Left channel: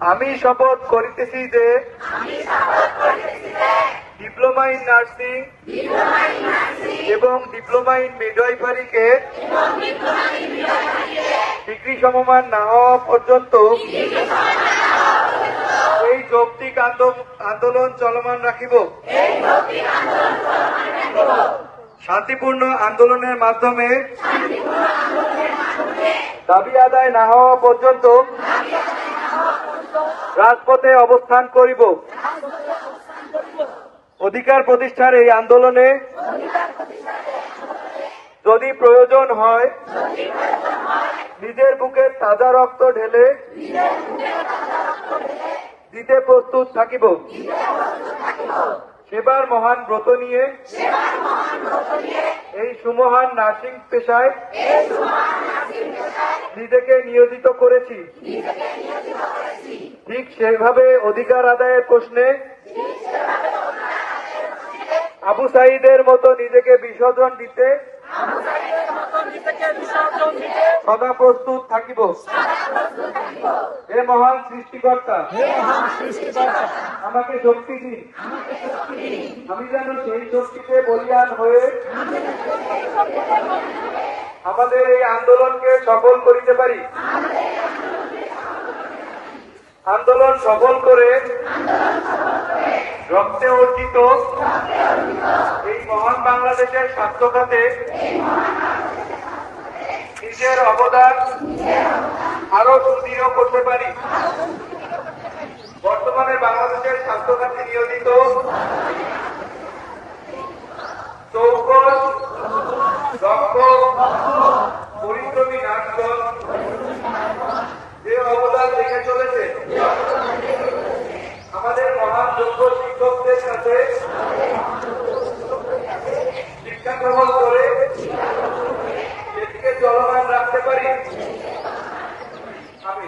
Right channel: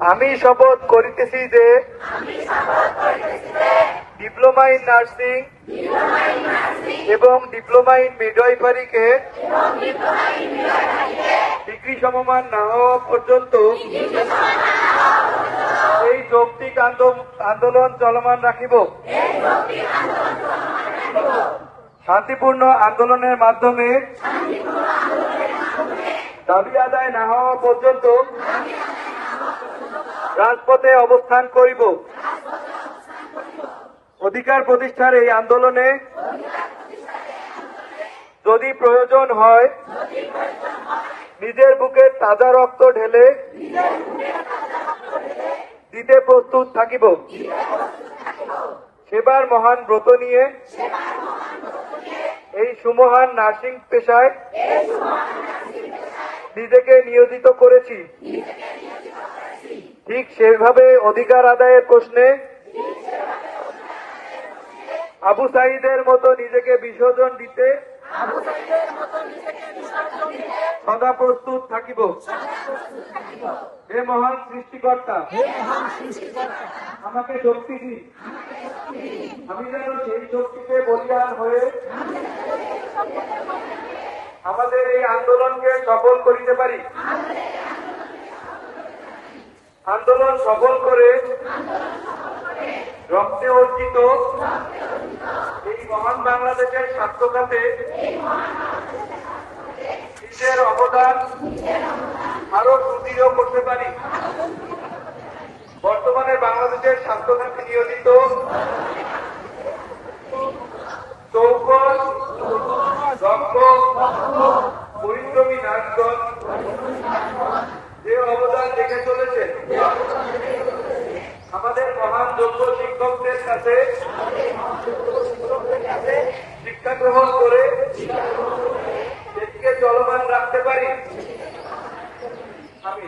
আমি শপথ করিতেছি যে ডিপ্লোমা ইন নার্সিং এবং ডিপ্লোমা ইন মিডওয়াইফারিকে ডিগ্রি সমমান না হওয়া পর্যন্ত এই যৌক্তিক আন্দো- আন্দোলন চলমান রাখিব। শান্তিপূর্ণ আন্দোলনের মাধ্যমে দাবি আদায় না হওয়া পর্যন্ত রাজপথে অবস্থান করিব। অধিকার প্রতিষ্ঠার এই আন্দোলনে যদি প্রয়োজন হয়, নিজের বুকে তাজা রক্ত ঢেলে দিতে প্রস্তুত থাকিব। সেবার মহান ব্রত নিয়ে এই সুমহান নার্সিং পেশায় নিজেকে নিয়োজিত করেছি। ঠিক সেভাবে অধিকার আদায়ের প্রশ্নে আবু সাইদের মতো নিজেকে বিসর্জন দিতে সদা প্রস্তুত থাকিব। হে মহান সৃষ্টিকর্তা, আমাকে শক্তি দিন। আমি যেন সেই শক্তিতে বলিয়ান হয়ে আমাদের এই আন্দোলনকে সফল করিতে পারি। আন্দোলন সফল করে রক্তে অর্জিত এই মহান বাংলাদেশের স্বাস্থ্যখাতে নিজের অবদান আরও সুদৃঢ় করতে পারি। বর্তমানে বাংলাদেশের স্বাস্থ্যখাতে নিয়োজিত চৌকস দক্ষ পরিশ্রমী নার্সগণ যে অবদান রেখে চলেছে। আমাদের মহান যোগ্য শিক্ষকদের সাথে শিক্ষা গ্রহণ করে সেটিকে চলমান রাখতে পারি। আমি।